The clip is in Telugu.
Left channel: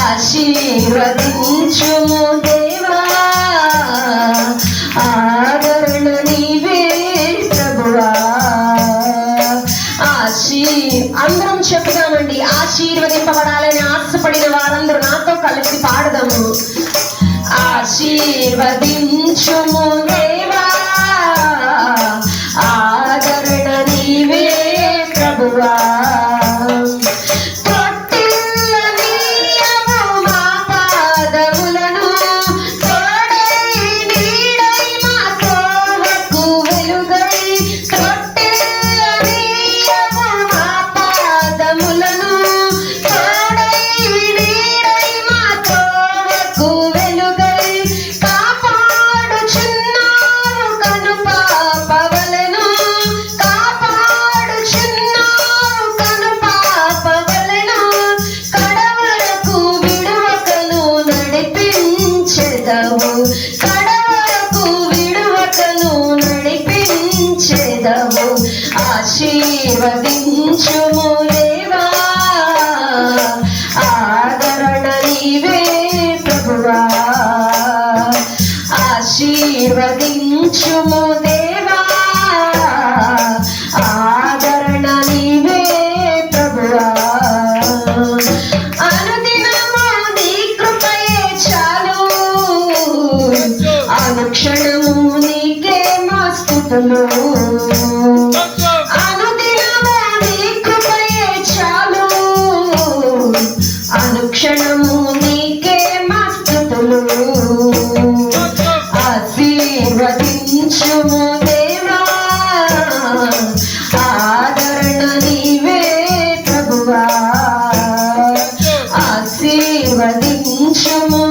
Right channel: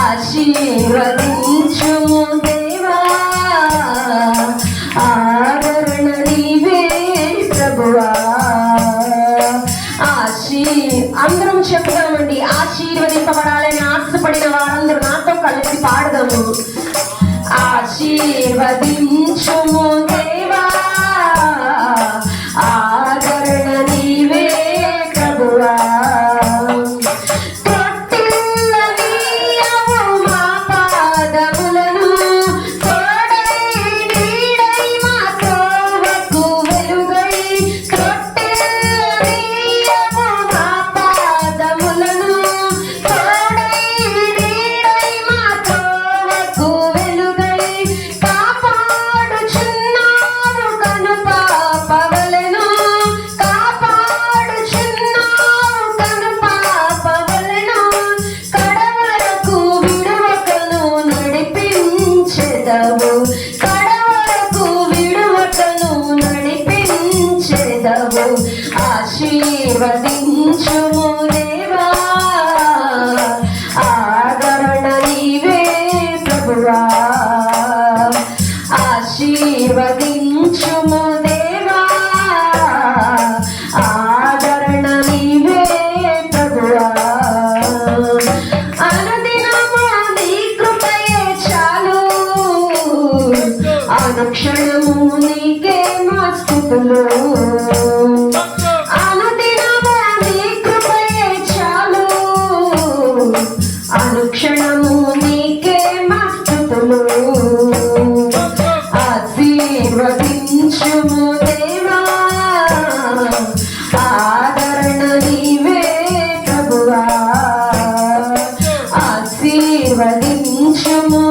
ఆశీర్వదించుము దేవా, ఆదరణ నీవే ప్రభువా. అందరం చెప్తామండి, ఆశీర్వదింపబడాలని ఆశపడిన వారందరూ నాతో కలిసి పాడదాము. ఆశీర్వదించుము దేవా, ఆదరణ నీవే ప్రభువా. ఆశీర్వదించుము దేవా, ఆదరణ నీవే ప్రభువా. ఆశీర్వదించుము దేవా, ఆదరణ నీవే ప్రభువా. అనుదినము నీ కృపయే చాలు, అనుక్షణము నీకే మా స్తుతులు. అనుక్షణము నీకే మా స్తుతులు. ఆశీర్వదించుము దేవా, ఆదరణ నీవే ప్రభువా. ఆశీర్వదించుము